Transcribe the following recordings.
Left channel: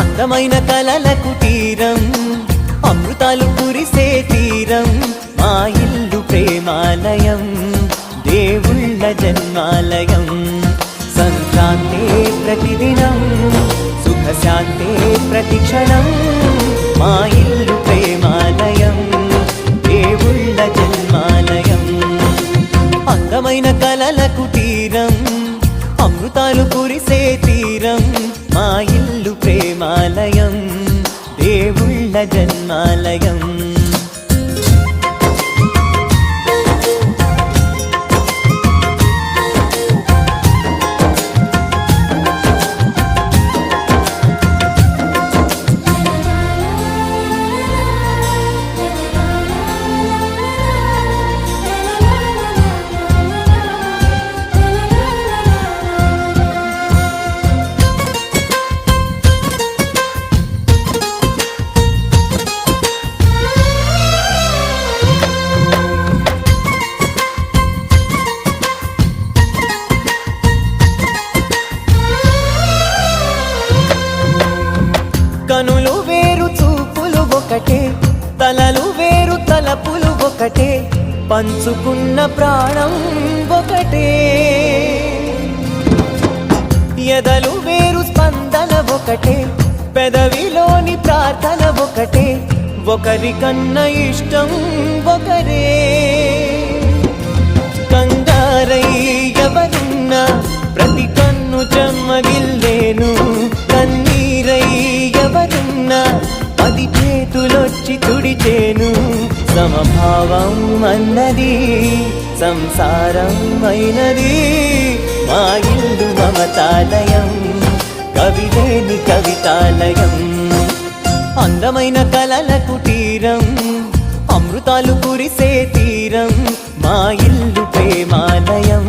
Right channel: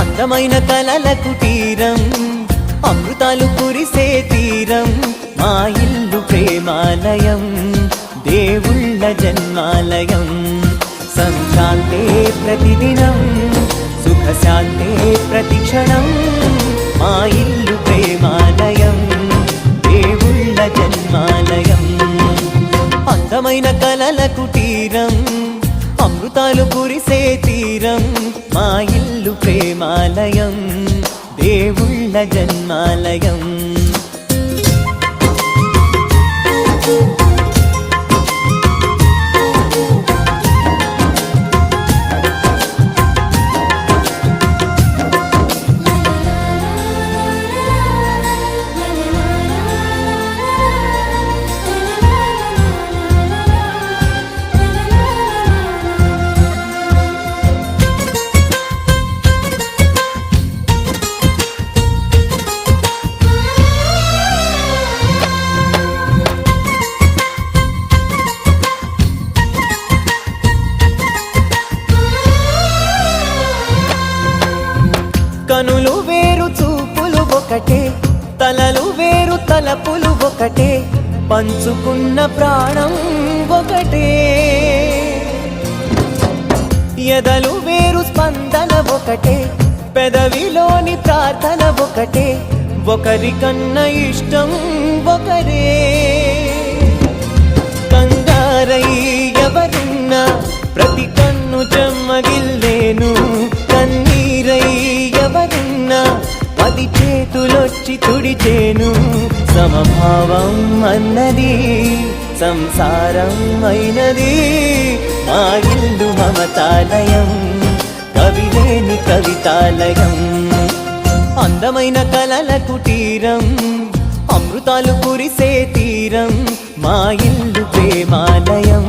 అందమైన కలల కుటీరం, అమృతాలు కురిసే తీరం, మా ఇల్లు ప్రేమాలయం, దేవుళ్ళ జన్మాలయం. సంక్రాంతే ప్రతిదినం, సుఖశాంతే ప్రతిక్షణం, మా ఇల్లు ప్రేమాలయం, దేవుళ్ళ జన్మాలయం. అందమైన కలల కుటీరం, అమృతాలు కురిసే తీరం, మా ఇల్లు ప్రేమాలయం, దేవుళ్ళ జన్మాలయం. కనులు వేరు చూపులు ఒకటే, తలలు వేరు తలపులు ఒకటే, పంచుకున్న ప్రాణం ఒకటే. ఎదలు వేరు స్పందన ఒకటే, పెదవిలోని ప్రార్థన ఒకటే, ఒకరికన్నా ఇష్టం ఒకరే. కంగారై ఎవరున్నా ప్రతి కన్ను చెమ్మగిల్లేను, కన్నీరై ఎవరున్నా 10 చేతులొచ్చి తుడిచేను. సమభావం అన్నది సంసారం అయినది, మా ఇల్లు మమతాలయం, కవిలేని కవితాలయం. అందమైన కలల కుటీరం, అమృతాలు కురిసే తీరం, మా ఇల్లు ప్రేమాలయం,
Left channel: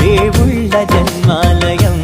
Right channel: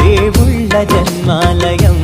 దేవుళ్ళ జన్మాలయం.